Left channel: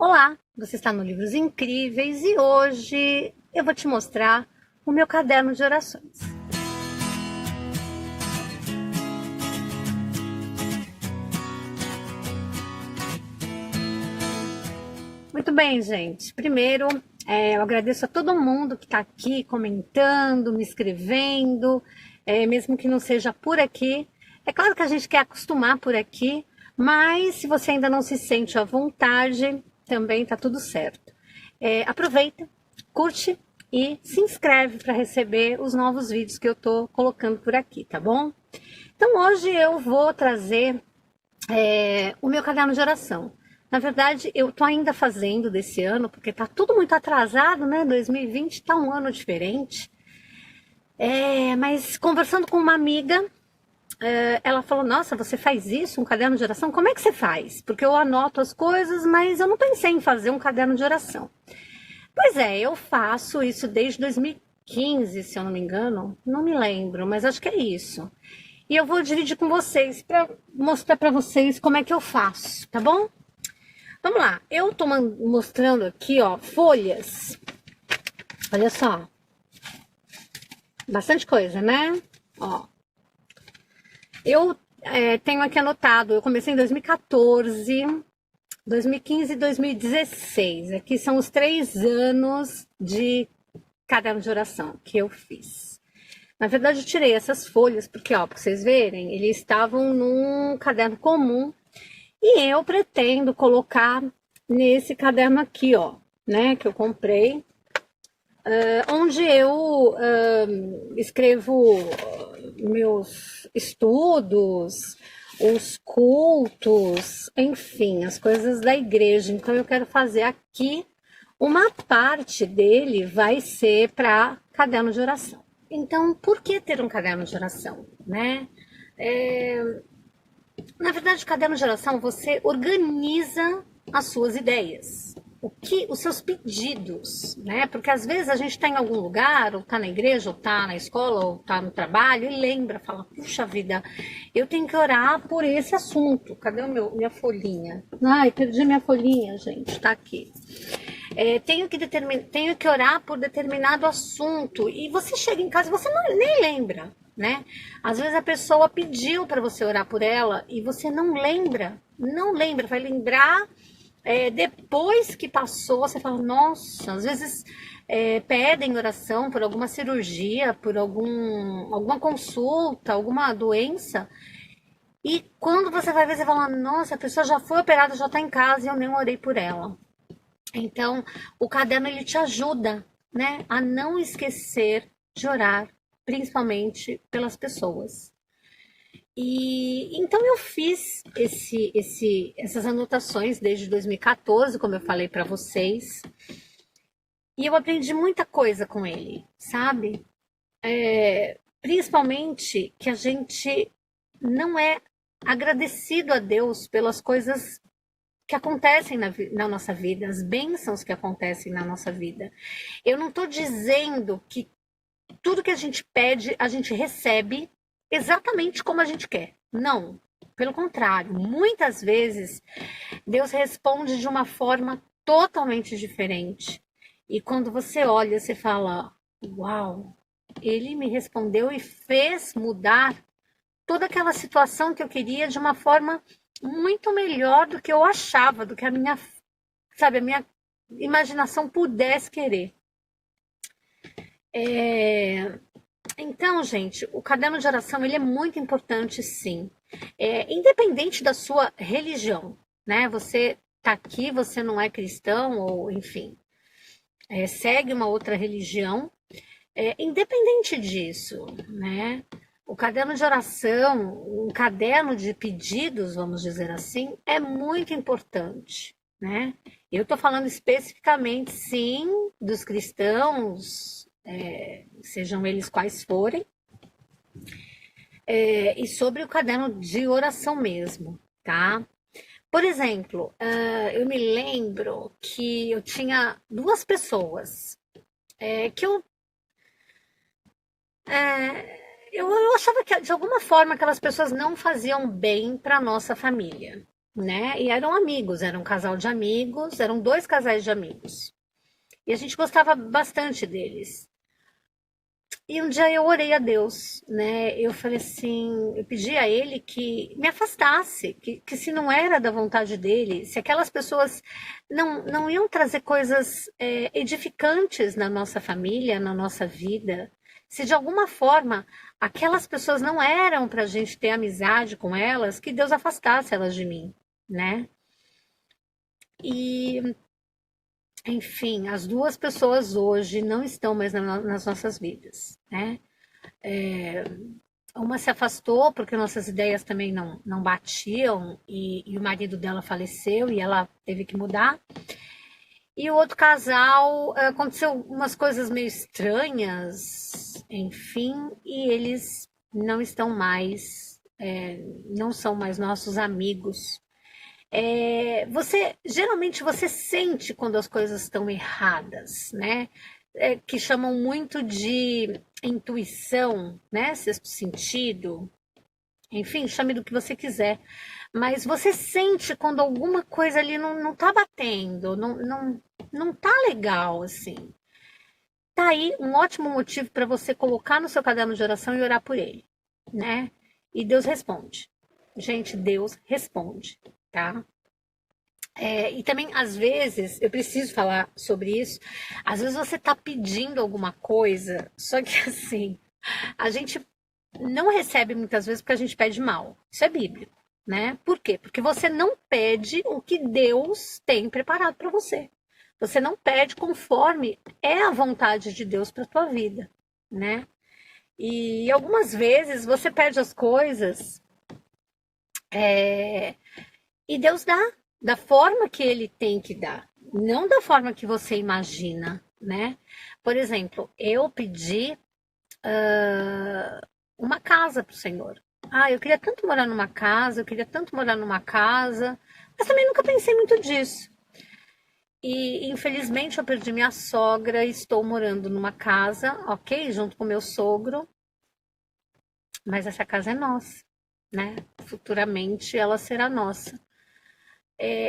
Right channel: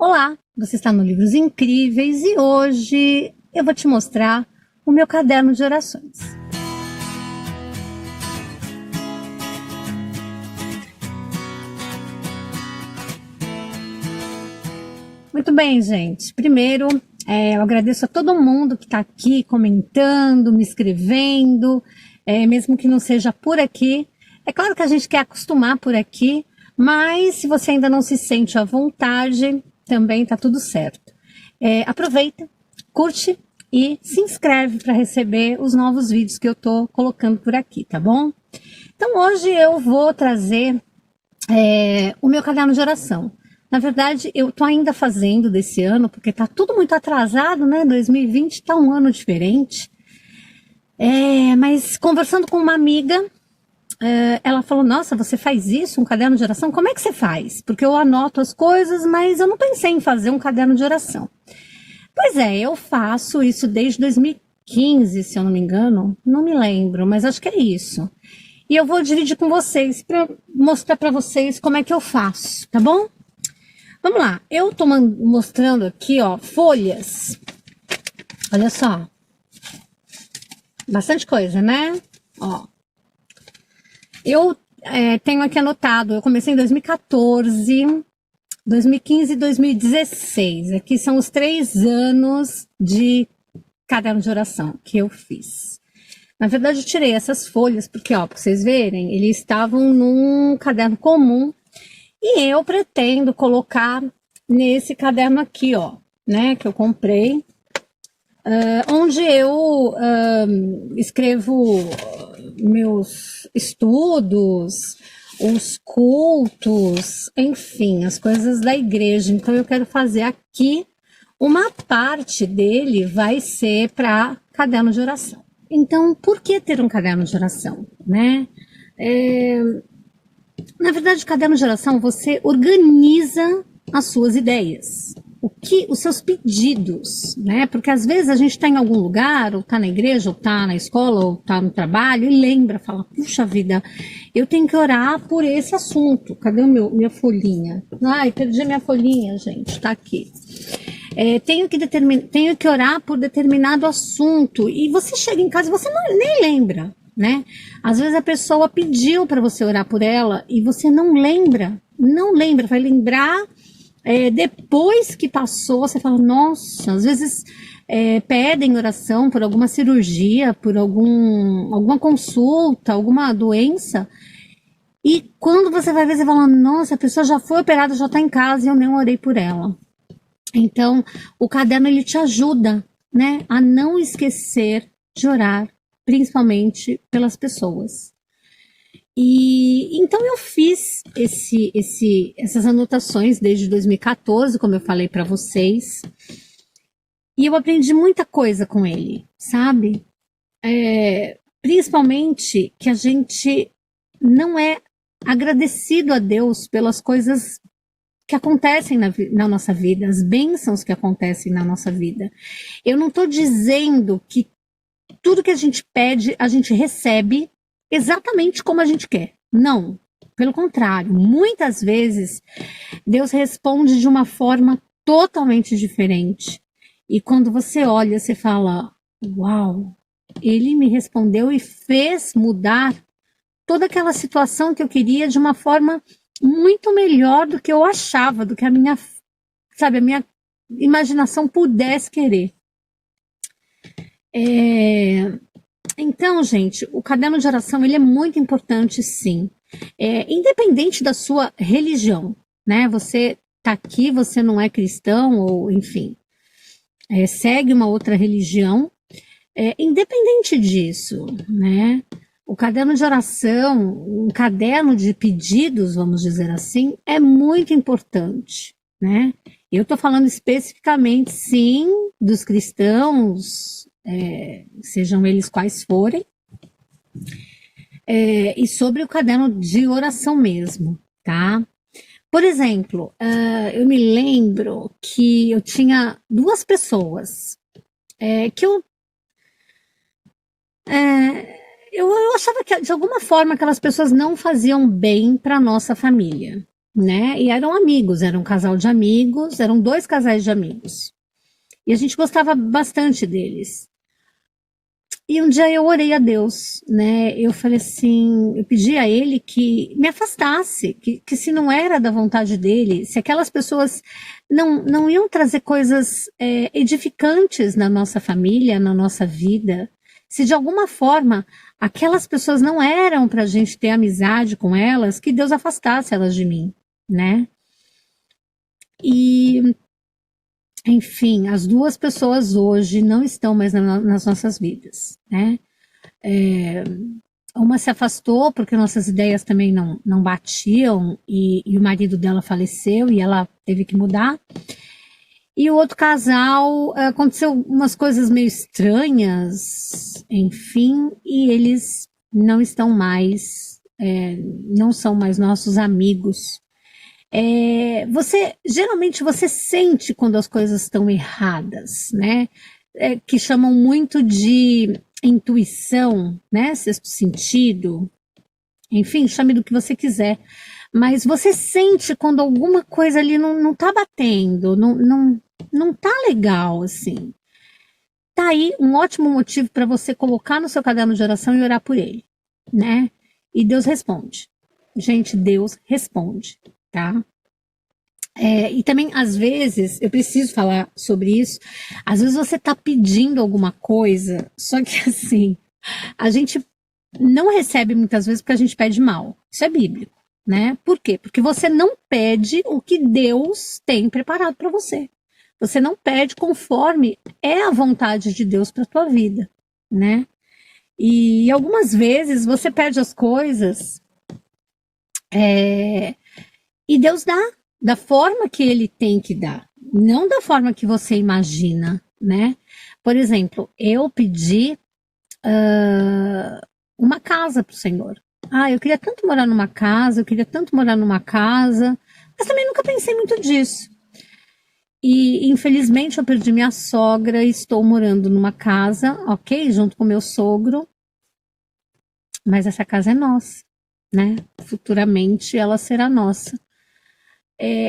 Olá, você está no Livros Incríveis e hoje eu vou te mostrar o meu caderno de orações. Muito bem, gente. Primeiro, eu agradeço a todo mundo que está aqui comentando, me escrevendo, mesmo que não seja por aqui. É claro que a gente quer acostumar por aqui, mas se você ainda não se sente à vontade, também está tudo certo. Aproveita, curte e se inscreve para receber os novos vídeos que eu estou colocando por aqui, tá bom? Então hoje eu vou trazer o meu caderno de oração. Na verdade, eu tô ainda fazendo desse ano, porque tá tudo muito atrasado, né? 2020 tá um ano diferente. Mas conversando com uma amiga, ela falou: Nossa, você faz isso, um caderno de oração? Como é que você faz? Porque eu anoto as coisas, mas eu não pensei em fazer um caderno de oração. Pois é, eu faço isso desde 2015, se eu não me engano. Não me lembro, mas acho que é isso. E eu vou dividir com vocês para mostrar para vocês como é que eu faço, tá bom? Vamos lá, eu tô mostrando aqui, ó, folhas. Olha só. Bastante coisa, né? Ó. Eu tenho aqui anotado, eu comecei em 2014, 2015 e 2016. Aqui são os 3 anos de caderno de oração que eu fiz. Na verdade, eu tirei essas folhas, porque, ó, pra vocês verem, eles estavam num caderno comum. E eu pretendo colocar nesse caderno aqui, ó, né, que eu comprei, onde eu escrevo meus estudos, os cultos, enfim, as coisas da igreja. Então eu quero fazer aqui uma parte dele vai ser para caderno de oração. Então, por que ter um caderno de oração, né? Na verdade, o caderno de oração você organiza as suas ideias, os seus pedidos, né? Porque às vezes a gente está em algum lugar, ou está na igreja, ou está na escola, ou está no trabalho, e lembra, fala, puxa vida, eu tenho que orar por esse assunto. Cadê minha folhinha? Ai, perdi minha folhinha, gente, está aqui. Tenho que orar por determinado assunto. E você chega em casa e você nem lembra, né? Às vezes a pessoa pediu para você orar por ela e você não lembra, vai lembrar depois que passou, você fala, nossa, às vezes pedem oração por alguma cirurgia, por alguma consulta, alguma doença, e quando você vai ver, você fala, nossa, a pessoa já foi operada, já está em casa e eu nem orei por ela. Então, o caderno ele te ajuda, né, a não esquecer de orar, principalmente pelas pessoas. E então eu fiz essas anotações desde 2014, como eu falei para vocês, e eu aprendi muita coisa com ele, sabe? Principalmente que a gente não é agradecido a Deus pelas coisas que acontecem na nossa vida, as bênçãos que acontecem na nossa vida. Eu não estou dizendo que tudo que a gente pede, a gente recebe exatamente como a gente quer. Não. Pelo contrário, muitas vezes Deus responde de uma forma totalmente diferente. E quando você olha, você fala: Uau, ele me respondeu e fez mudar toda aquela situação que eu queria de uma forma muito melhor do que eu achava, do que a minha imaginação pudesse querer. Então, gente, o caderno de oração ele é muito importante, sim. Independente da sua religião, né? Você tá aqui, você não é cristão ou, enfim, segue uma outra religião. Independente disso, né? O caderno de oração, um caderno de pedidos, vamos dizer assim, é muito importante, né? Eu estou falando especificamente, sim, dos cristãos, sejam eles quais forem, e sobre o caderno de oração mesmo, tá? Por exemplo, eu me lembro que eu tinha 2 pessoas que eu achava que de alguma forma aquelas pessoas não faziam bem para nossa família, né? E eram amigos, era um casal de amigos, eram dois casais de amigos. E a gente gostava bastante deles. E um dia eu orei a Deus, né? Eu falei assim, eu pedi a Ele que me afastasse, que se não era da vontade dele, se aquelas pessoas não iam trazer coisas edificantes na nossa família, na nossa vida, se de alguma forma aquelas pessoas não eram para a gente ter amizade com elas, que Deus afastasse elas de mim, né? E, enfim, as duas pessoas hoje não estão mais nas nossas vidas, né? Uma se afastou porque nossas ideias também não batiam e o marido dela faleceu e ela teve que mudar. E o outro casal, aconteceu umas coisas meio estranhas, enfim, e eles não estão mais, não são mais nossos amigos. Geralmente você sente quando as coisas estão erradas, né? Que chamam muito de intuição, né? Sexto sentido, enfim, chame do que você quiser. Mas você sente quando alguma coisa ali não tá batendo, não tá legal, assim. Tá aí um ótimo motivo para você colocar no seu caderno de oração e orar por ele, né? E Deus responde. Gente, Deus responde, tá? E também, às vezes, eu preciso falar sobre isso, às vezes você tá pedindo alguma coisa, só que assim, a gente não recebe muitas vezes porque a gente pede mal. Isso é bíblico, né? Por quê? Porque você não pede o que Deus tem preparado para você. Você não pede conforme é a vontade de Deus para tua vida, né? E algumas vezes você pede as coisas e Deus dá da forma que Ele tem que dar, não da forma que você imagina, né? Por exemplo, eu pedi uma casa para o Senhor. Ah, eu queria tanto morar numa casa, eu queria tanto morar numa casa, mas também nunca pensei muito disso. E infelizmente eu perdi minha sogra e estou morando numa casa, ok, junto com meu sogro, mas essa casa é nossa, né? Futuramente ela será nossa.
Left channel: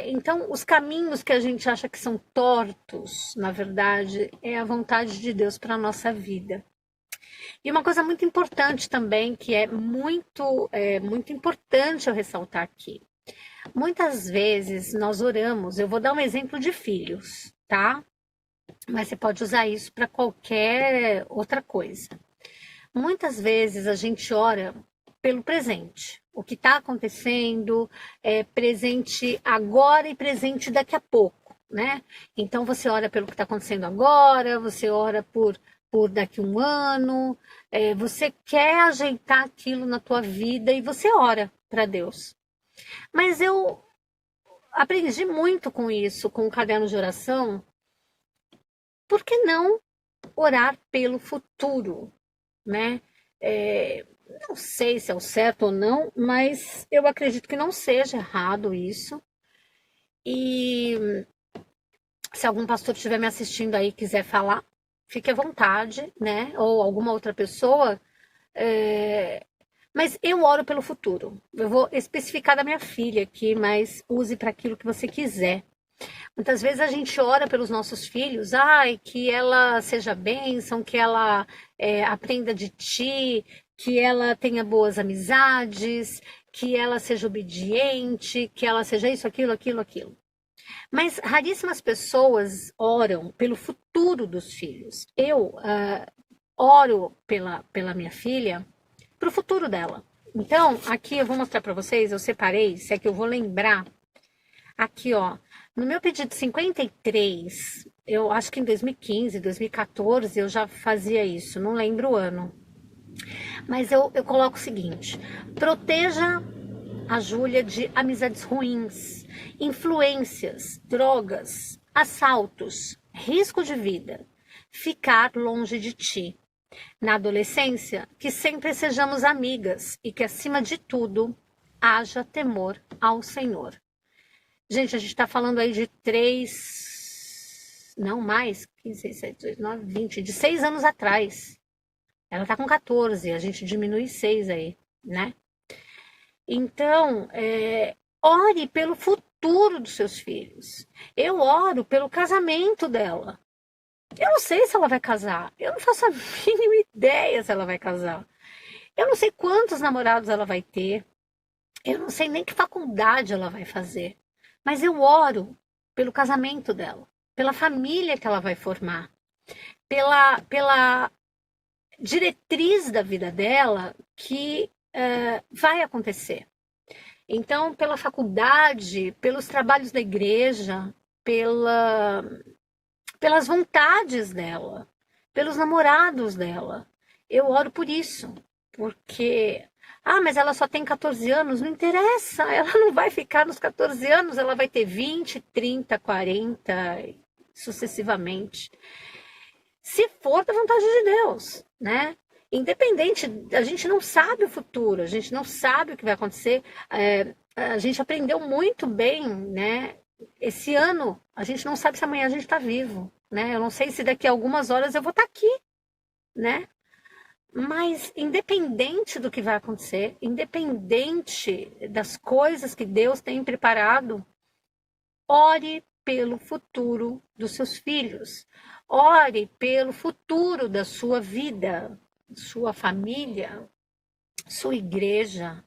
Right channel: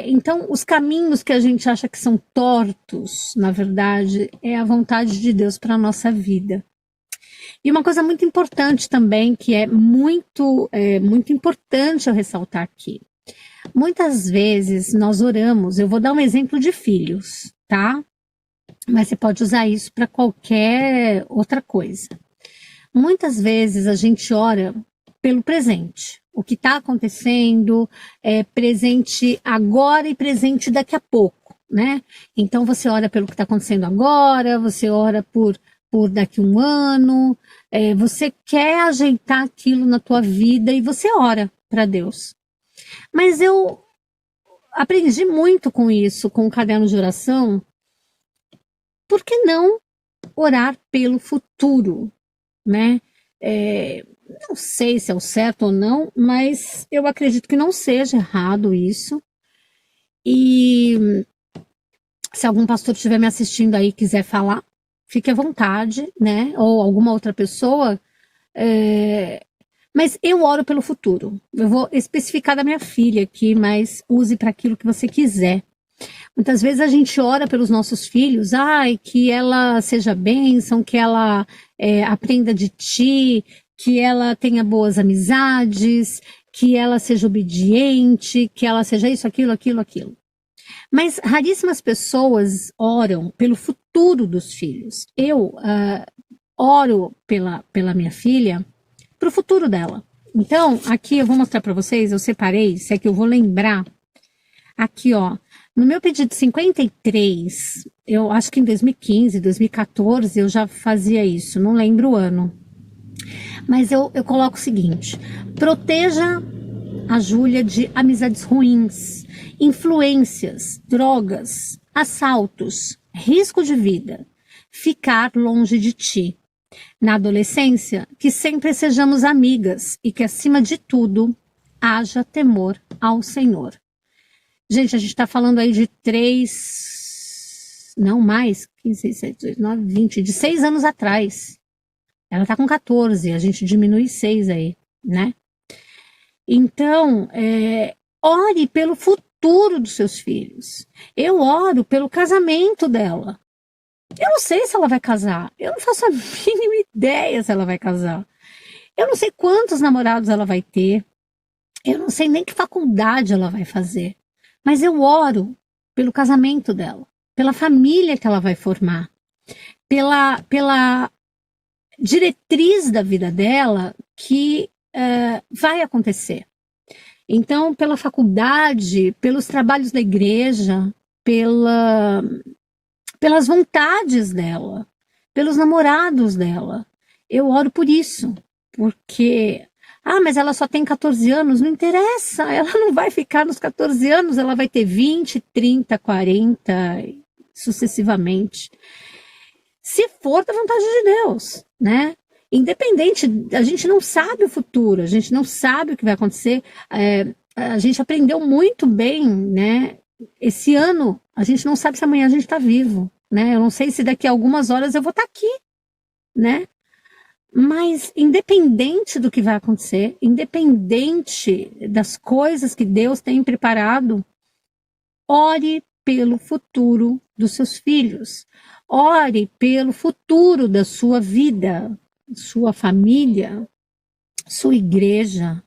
Então, os caminhos que a gente acha que são tortos, na verdade, é a vontade de Deus para a nossa vida. E uma coisa muito importante também, que é muito importante eu ressaltar aqui. Muitas vezes nós oramos, eu vou dar um exemplo de filhos, tá? Mas você pode usar isso para qualquer outra coisa. Muitas vezes a gente ora pelo presente, o que está acontecendo, presente agora e presente daqui a pouco, né? Então você ora pelo que está acontecendo agora, você ora por daqui a um ano, você quer ajeitar aquilo na tua vida e você ora para Deus. Mas eu aprendi muito com isso, com o caderno de oração. Por que não orar pelo futuro, né? Não sei se é o certo ou não, mas eu acredito que não seja errado isso. E se algum pastor estiver me assistindo aí e quiser falar, fique à vontade, né? Ou alguma outra pessoa. Mas eu oro pelo futuro. Eu vou especificar da minha filha aqui, mas use para aquilo que você quiser. Muitas vezes a gente ora pelos nossos filhos, que ela seja bênção, que ela aprenda de ti, que ela tenha boas amizades, que ela seja obediente, que ela seja isso, aquilo, aquilo, aquilo. Mas raríssimas pessoas oram pelo futuro dos filhos. Eu oro pela minha filha, para o futuro dela. Então, aqui eu vou mostrar para vocês, eu separei, se é que eu vou lembrar. Aqui, ó, no meu pedido 53, eu acho que em 2015, 2014 eu já fazia isso, não lembro o ano. Mas eu coloco o seguinte: proteja a Júlia de amizades ruins, influências, drogas, assaltos, risco de vida, ficar longe de ti. Na adolescência, que sempre sejamos amigas e que, acima de tudo, haja temor ao Senhor. Gente, a gente está falando aí de 3, não mais, 15, 16, 19, 20, de 6 anos atrás. Ela está com 14, a gente diminui 6 aí, né? Então, Ore pelo futuro dos seus filhos. Eu oro pelo casamento dela. Eu não sei se ela vai casar. Eu não faço a mínima ideia se ela vai casar. Eu não sei quantos namorados ela vai ter. Eu não sei nem que faculdade ela vai fazer. Mas eu oro pelo casamento dela, pela família que ela vai formar, pela diretriz da vida dela que vai acontecer. Então, pela faculdade, pelos trabalhos da igreja, pelas vontades dela, pelos namorados dela. Eu oro por isso, porque, mas ela só tem 14 anos, não interessa, ela não vai ficar nos 14 anos, ela vai ter 20, 30, 40, sucessivamente. Se for da vontade de Deus, né? Independente, a gente não sabe o futuro, a gente não sabe o que vai acontecer. A gente aprendeu muito bem, né? Esse ano, a gente não sabe se amanhã a gente está vivo, né? Eu não sei se daqui a algumas horas eu vou estar aqui, né? Mas independente do que vai acontecer, independente das coisas que Deus tem preparado, ore pelo futuro dos seus filhos. Ore pelo futuro da sua vida, sua família, sua igreja,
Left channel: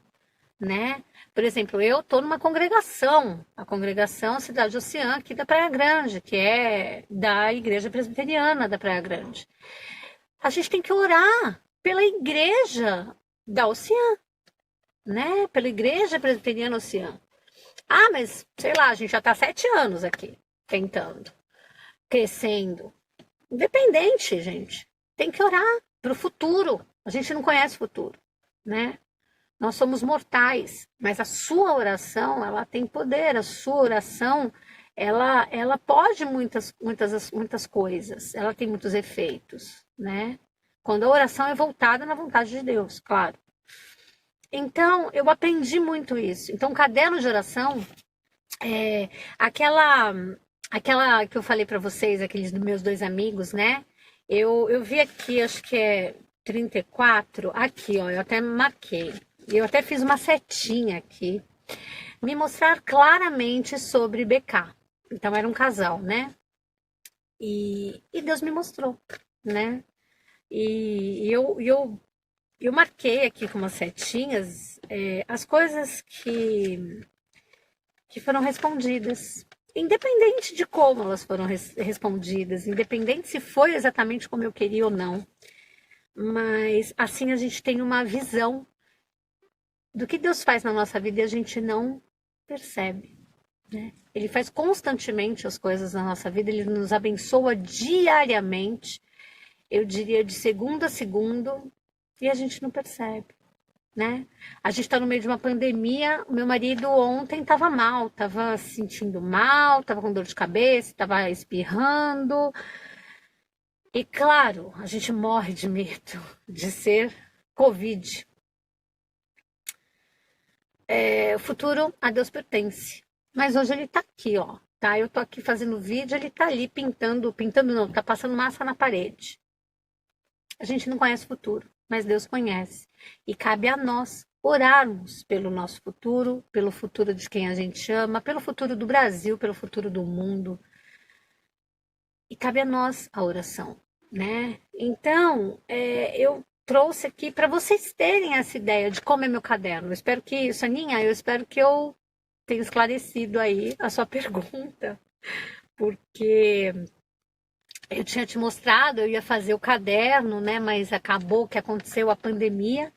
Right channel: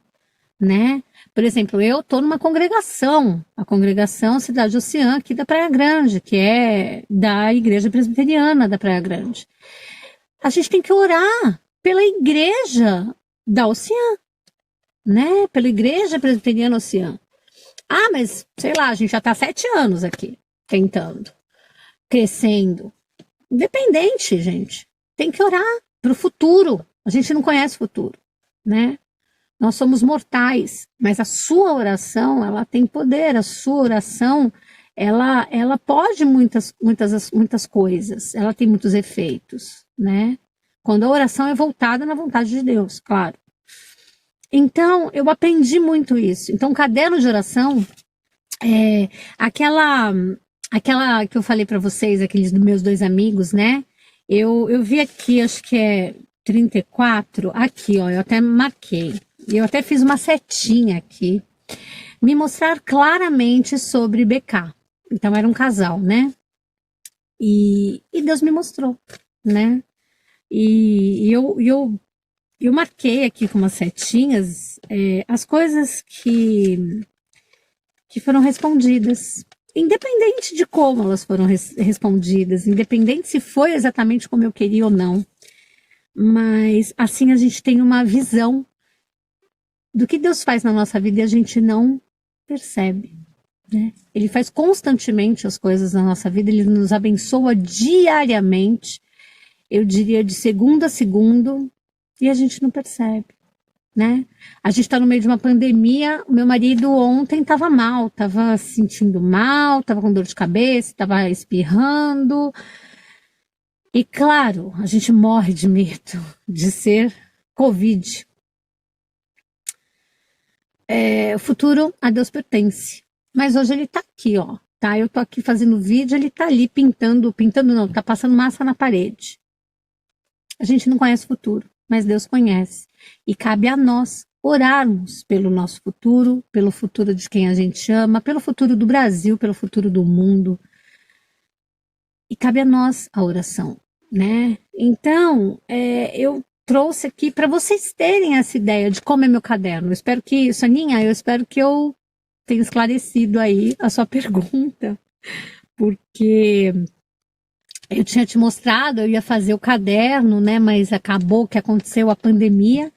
né? Por exemplo, eu estou numa congregação, a congregação Cidade Oceã, aqui da Praia Grande, que é da Igreja Presbiteriana da Praia Grande. A gente tem que orar pela igreja da Oceã, né? Pela Igreja Presbiteriana Oceã. Mas, sei lá, a gente já está há 7 anos aqui, tentando, crescendo. Independente, gente. Tem que orar para o futuro. A gente não conhece o futuro, né? Nós somos mortais, mas a sua oração, ela tem poder. A sua oração, ela pode muitas coisas. Ela tem muitos efeitos, né? Quando a oração é voltada na vontade de Deus, claro. Então, eu aprendi muito isso. Então, o caderno de oração é aquela que eu falei para vocês, aqueles dos meus 2 amigos, né? Eu vi aqui, acho que é 34, aqui, ó, eu até marquei. Eu até fiz uma setinha aqui, me mostrar claramente sobre BK. Então, era um casal, né? E Deus me mostrou, né? E eu marquei aqui com umas setinhas as coisas que foram respondidas. Independente de como elas foram respondidas, independente se foi exatamente como eu queria ou não. Mas assim a gente tem uma visão do que Deus faz na nossa vida e a gente não percebe, né? Ele faz constantemente as coisas na nossa vida, ele nos abençoa diariamente, eu diria de segundo a segundo, e a gente não percebe, né? A gente está no meio de uma pandemia, o meu marido ontem estava mal, estava se sentindo mal, estava com dor de cabeça, estava espirrando. E claro, a gente morre de medo de ser Covid. O futuro a Deus pertence. Mas hoje ele tá aqui, ó. Tá? Eu tô aqui fazendo vídeo, ele tá ali pintando não, tá passando massa na parede. A gente não conhece o futuro, mas Deus conhece. E cabe a nós orarmos pelo nosso futuro, pelo futuro de quem a gente ama, pelo futuro do Brasil, pelo futuro do mundo. E cabe a nós a oração, né? Então, eu trouxe aqui para vocês terem essa ideia de como é meu caderno. Eu espero que, Soninha, eu espero que eu tenha esclarecido aí a sua pergunta, porque eu tinha te mostrado, eu ia fazer o caderno, né? Mas acabou que aconteceu a pandemia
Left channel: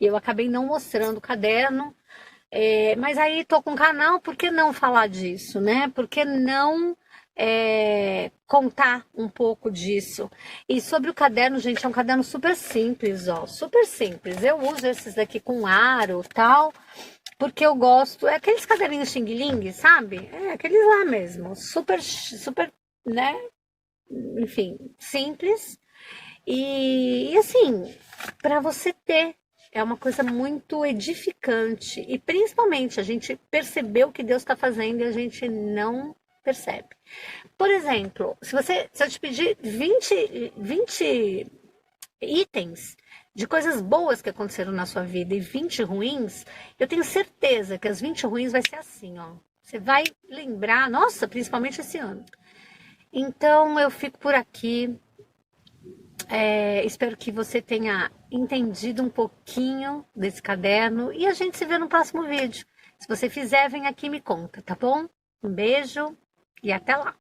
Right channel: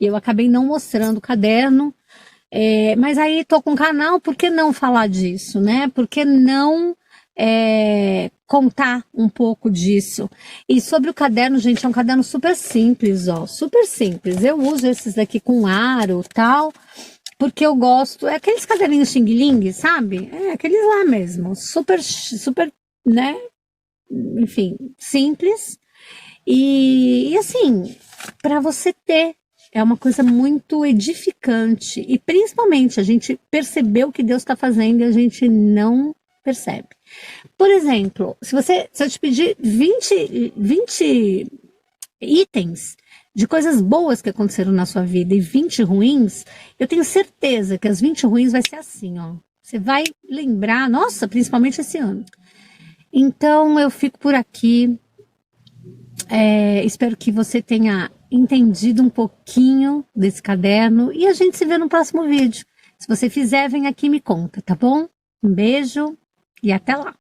e eu acabei não mostrando o caderno. Mas aí tô com o canal, por que não falar disso, né? Por que não contar um pouco disso? E sobre o caderno, gente, é um caderno super simples, ó, super simples. Eu uso esses daqui com aro, tal, porque eu gosto, aqueles caderninhos xing-ling, sabe? Aqueles lá mesmo, super, super, né? Enfim, simples. E assim, para você ter, é uma coisa muito edificante. E principalmente, a gente percebeu o que Deus está fazendo e a gente não percebe. Por exemplo, se eu te pedir 20 itens, de coisas boas que aconteceram na sua vida e 20 ruins, eu tenho certeza que as 20 ruins vai ser assim, ó. Você vai lembrar, nossa, principalmente esse ano. Então, eu fico por aqui. Espero que você tenha entendido um pouquinho desse caderno e a gente se vê no próximo vídeo. Se você fizer, vem aqui e me conta, tá bom? Um beijo e até lá!